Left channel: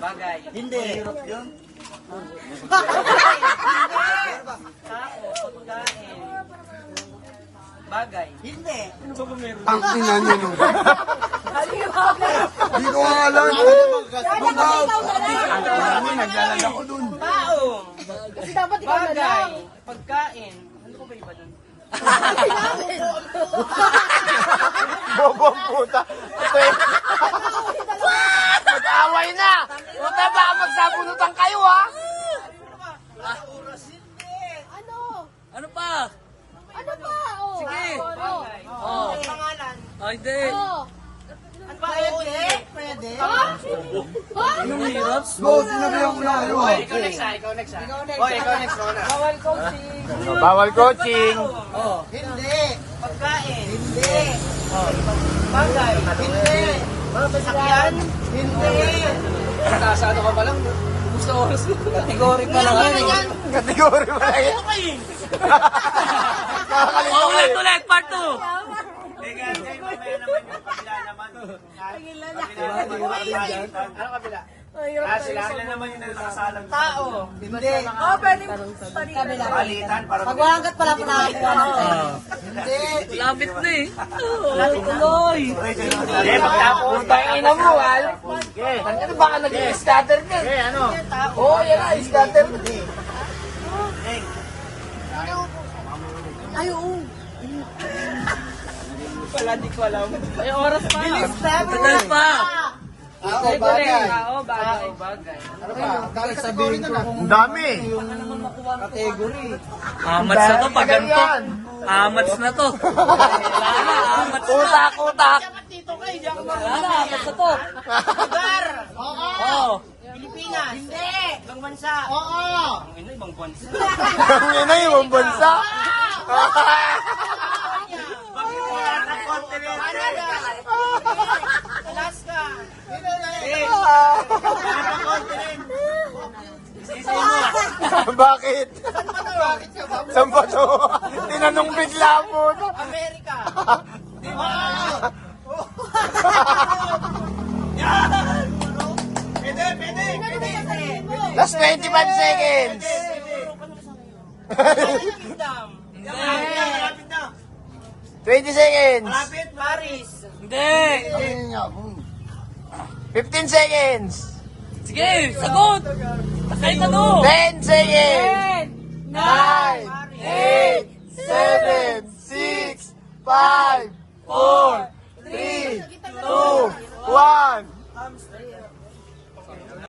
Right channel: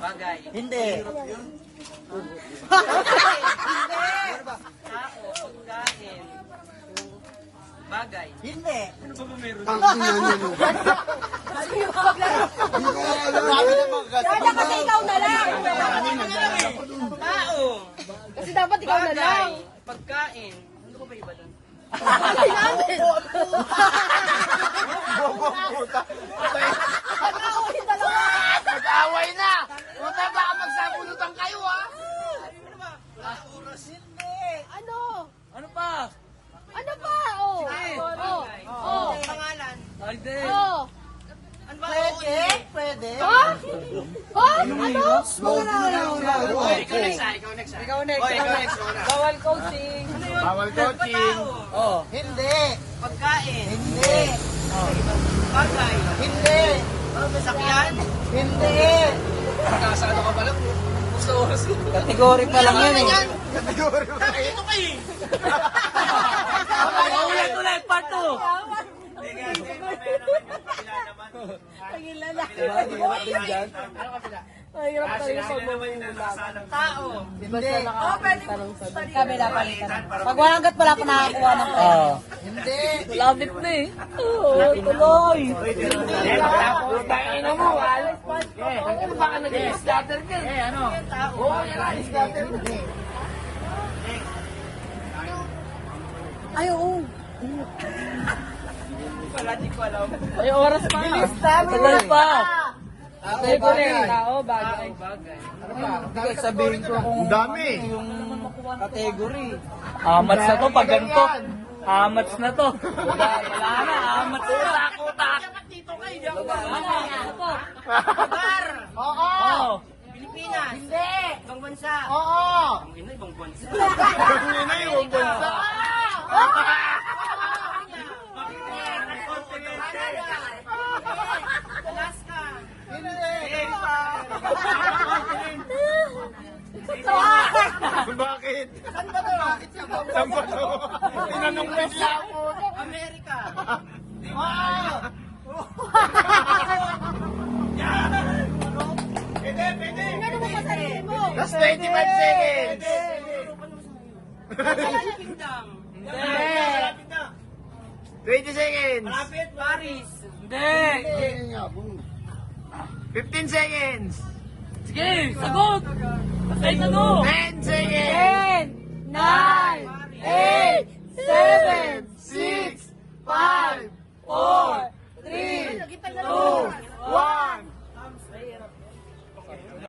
Bagay. Hindi. Tao, pagkain. Bagay. Hindi. Ano ba meron? Ang tingnan nyo. Hindi ko alam. Tao. Bagay. Pagkain. Ano ko ba iba doon? Bobong puta. Mag-away na. Puta, baka magsabunutan kayo, ha? Ano pa? Sige. Oh. Ay, di. Pwede. Pwede. Anong hirap? Ikaw next. Rona. Bawal coaching. Hindi. Pagkain. Hindi. Bagay. Hindi. Sakyan. Hindi. Nasa ano ka ba lang? Gusto oras. Kategory ka lang. Kategory ba na yan? Oh, ulit, part 2. Tao. Hindi. Pagwagat pala ko nakakuha ng Hindi. Lapit na eh. Oh, tuloy. Puta, ina mo, al. Ano baka nag-scatter ka? Oo, yan na, scatter. Wala, di ko alam. Bilis na. Tagal pa. Okay, bagay. Bagay. Ano pa? Kahit sabihin ko Ang dami. category. Amats na to pag ganito. Amats na to. Wala na, amats na. Utak. Wala na, amats na to. Lugar. Oh. Pilipinas. Hindi. Ibang bansa. Oo. Ano ibang bansa? Ang ina yung bansa. Alaska. Bakit? Saan ba to? Tinanong bigla po. Amerika. Last 25 seconds. Kingdom. Hindi. 20 seconds. Paris. Hindi. 15 seconds. Sige, sagot. Kahit ano. 10 seconds. 9, 8, 7, 6, 5, 4, 3, 2, 1.